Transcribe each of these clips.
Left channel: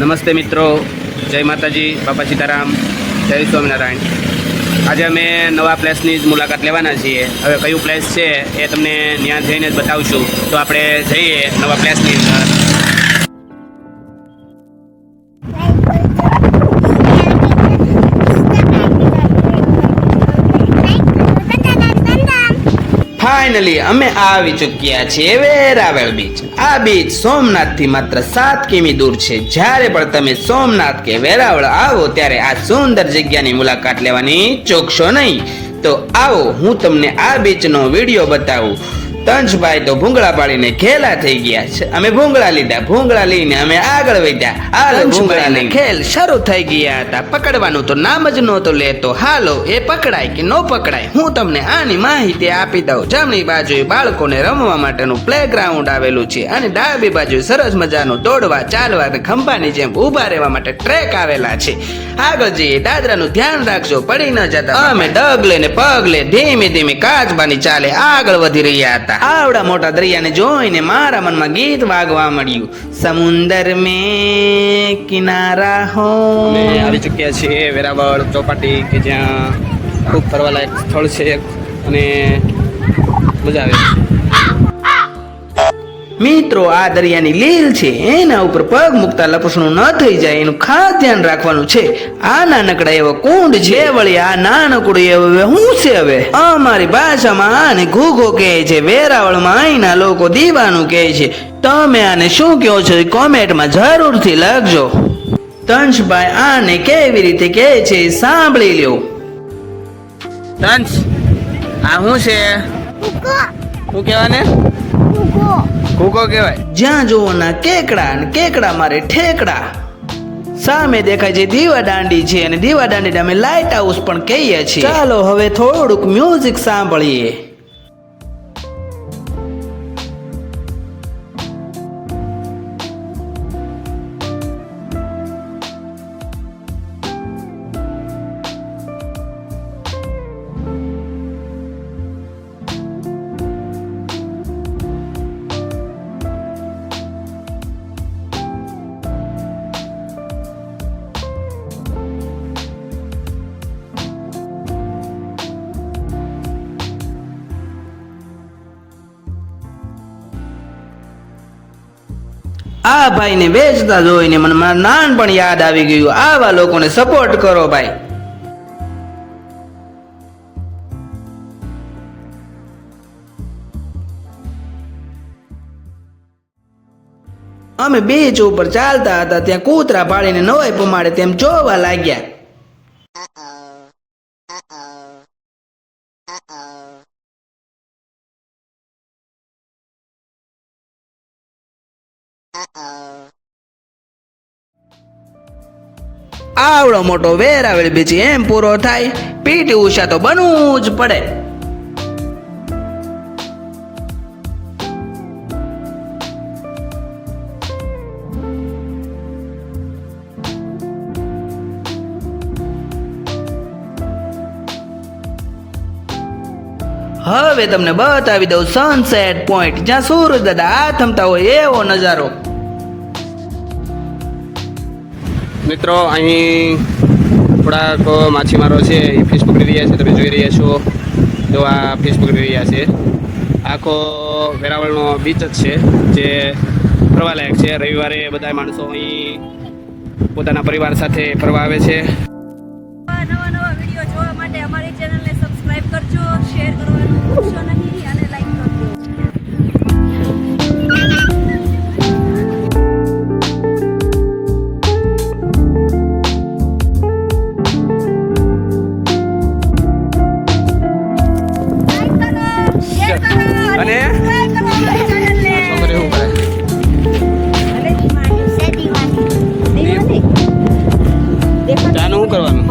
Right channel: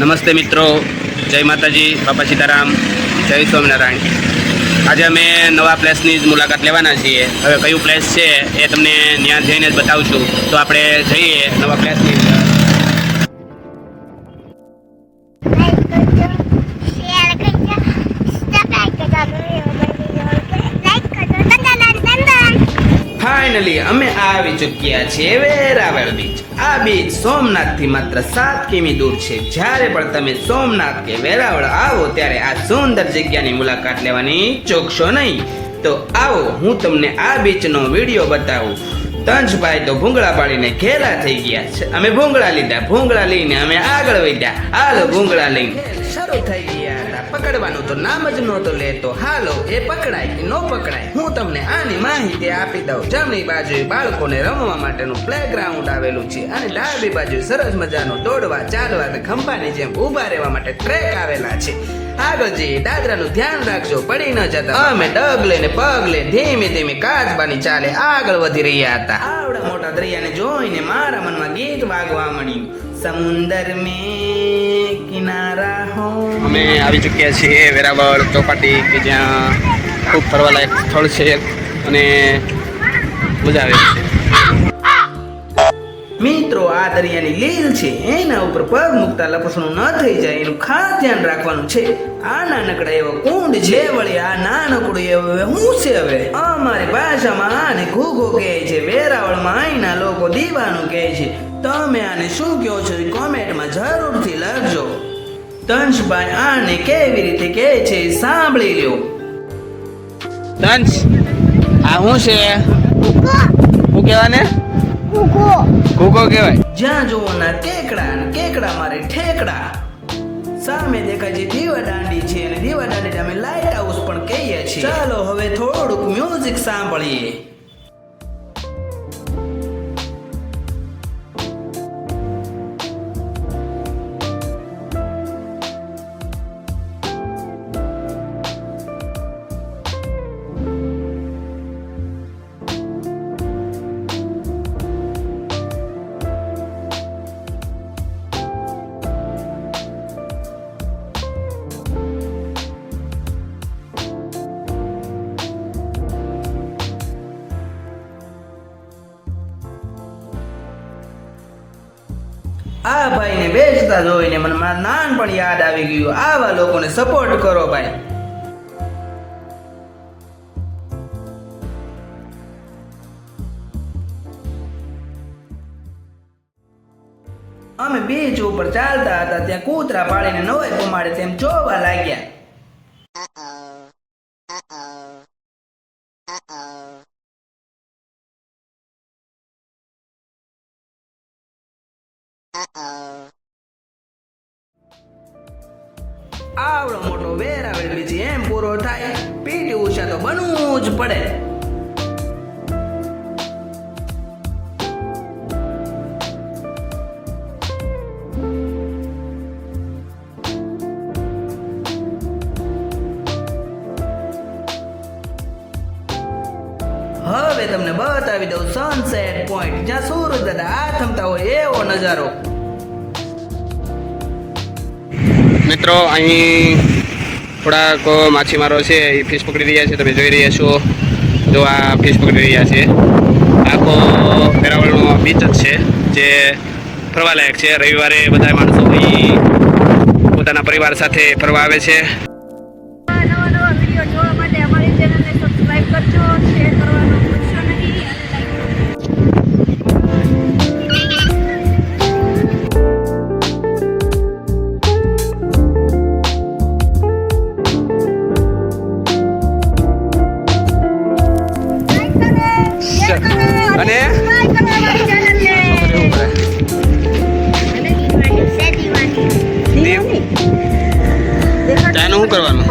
નમસ્તે મિત્રો, જય માતાજી, બાપા સીતારામ, જય સ્વામિનારાયણ. આજે અમે નવા પ્લેસની જ મુલાકાત લેવાના છીએ. હવે કયું પ્લેસ છે એ તમને ત્યાં જઈને જ બતાવશું. તો આપણે જઈએ નવા પ્લેસની અંદર. ફાઇનલી અમે આવી ચૂક્યા છીએ વેરાવળ બીચ. આ બીચ સોમનાથથી માત્ર 7 કિમી દૂર છે. જ્યારે પણ તમે સોમનાથ કે વેરાવળ આવો ત્યારે આ સુંદર જગ્યાની મુલાકાત લેવાની ચૂકશો નહીં. તો આવો હું તમને આ બીચનો વિડીયો બતાવું. તંજભાઈ તો ભૂંગળા પાડીને ખેલા થઈ ગયા છે. અમે ભૂંગળા લીધા, ભૂંગળા લઈને અમે આગળ વધ્યા. હાલો ભૂંગળા લઈને ખેલ શરૂ થઈ ગયા હતા. પકડવાનું તો નામ જ નહોતો લેતો. હાલો એ પકડાય કે ન પકડાય હું તમને આની માહિતી આપી દઉં. જમણી બાજુએ બાળકોને રમવા માટેનું પ્લેગ્રાઉન્ડ આવેલું છે અને ડાબી બાજુ સરસ મજાનું દોડવા, ચાલવા કે ખંભાની જેમ ઊભા રહેવા માટે ટ્રેક આવેલા છે. આગળ જઈએ, દાદરાનું ધ્યાન રાખજો, પડી ન જતા. અમે ડગલે ને પગલે ધીમે ધીમે કાચબાની ચાલે આગળ વધી રહ્યા હતા. આવડા મોટા દરિયાને જોઈને મારા મનમાં ગીત વાગવા મળ્યું. સમુંદર મેં કિનારા હો. અમે આવી ચૂક્યા છીએ વેરાવળ ચોપાટી, કે જ્યાં ખૂબ ફરવાલાયક સ્થળ છે અને મજા આવે છે. મિત્રો, આ દરિયાની લીલ છે, એના ઉપર પગ મૂકતા લપસણું ન થઈ જાય એનું ખાસ ધ્યાન રાખવાનું છે. આ નાનકડા એવો કુંડ છે, વળી આ નાનકડું એવું શું છે? હવે અમારી ભાષામાં આને ઘૂઘો કહે છે, વેરાવળમાં અહીંના લોકો દીવાનું કહે છે. તમે આને શું કહો છો કોમેન્ટમાં જરૂરથી લખજો. તંજભાઈ આને કેવી રીતે કહે છે સાંભળી લ્યો. તંજ, આ શું છે? શું કહેવાને? કૂકો કહેવાય. જ્યાં જોવો ના કેકડા, ને કેકડા મારે ઠેકડા. સામે દેખાય છે દીવા દાંડી છે, અને દીવા દાંડી અમે લાઇટ હાઉસ પણ કહીએ છીએ. ચાલો હવે થોડુંક મ્યુઝિક સાંભળીએ. આ ભાઈને વેચતા જોઈને મને મારું નાનપણ યાદ આવી ગયું. આવા લોકોને સપોર્ટ કરો ભાઈ. અમે બીચ ઉપર ચાલતા હતા, ત્યાં કૂતરા પાડીને નવાઈ પમાડે તેમ જોવા લાગ્યા. આવડો મોટો વેરાવળ બીચ એમ પૂરો થાય, પીટી ઉષા તો બનવું જ પડે. હવે તમને બતાવી દઉં સનસેટ પોઈન્ટ, જ્યાં સૂરજ દાદા આથમતા હોય એવો નજારો. મિત્રો, અહીં થોડાક માછીમારો છે, એ ફિશ પકડી રહ્યા છે. તમે જોઈ રહ્યા છો, જો આ ફિશ પકડી રહ્યા છે. આખો વેરાવળનો બીચ જ છે જે ફરવાલાયક છે. રવિવારે બધા માણસો અહીં પોતાના પરિવાર સાથે ફરવા આવે છે. નવા વિડીયો જોવા માટે અમારી ચેનલને સબસ્ક્રાઇબ કરજો, શેર કરવાનું ભૂલશો નહીં અને લાઈક કરજો. અને આનું શું કરવાનું?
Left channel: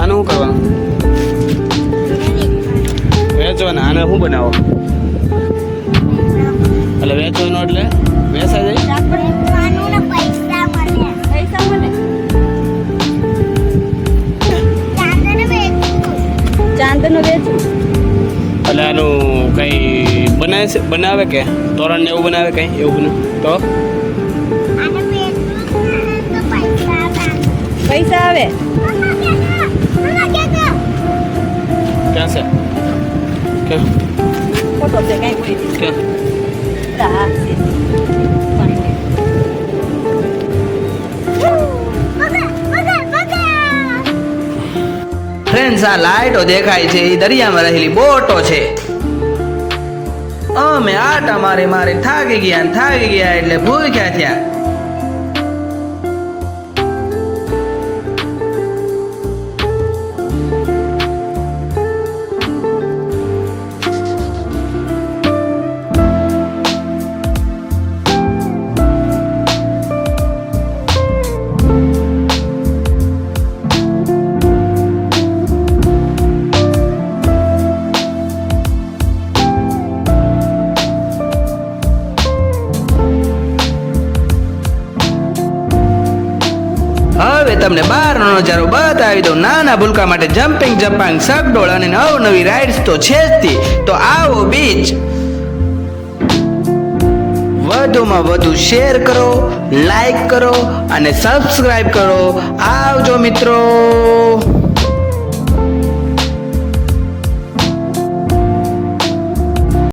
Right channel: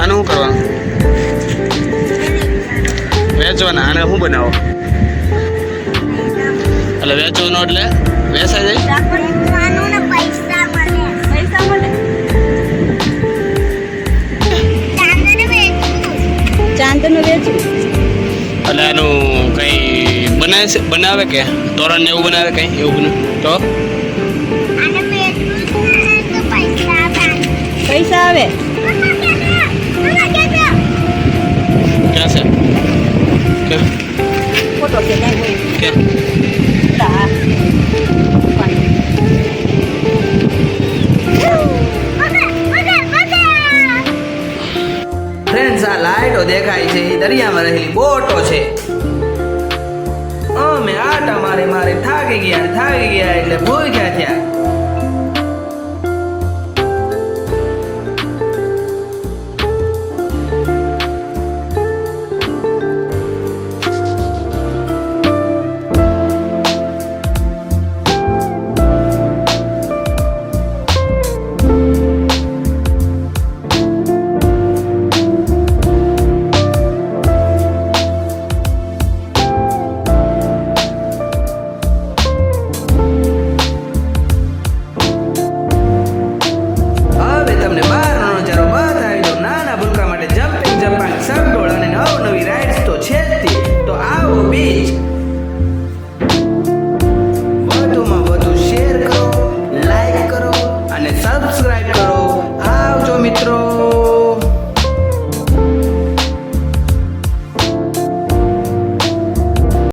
આનું શું કરવાનું? વેચવાના. આને શું બનાવો? એટલે વેચવાનું એટલે વેચાઈ જાય. એટલે આનું કઈ બનાવે કે તોરણ ને એવું બનાવે કઈ એવું બને તો લાઈટો દેખાય છે એ દરિયામાં રહેલી બોટો છે. અમે આટા મારે થાકી ગયા એટલે ભૂખ્યા થયા. તમને બહારનો નજારો બતાવી દઉં. નાના ભૂલકા માટે જમ્પિંગ સગડોળ અને નવી રાઇડ્સ તો છે જ તે. તો આવો બીચ વધુમાં વધુ શેર કરો, લાઈક કરો અને સબસ્ક્રાઇબ કરો. આવજો મિત્રો.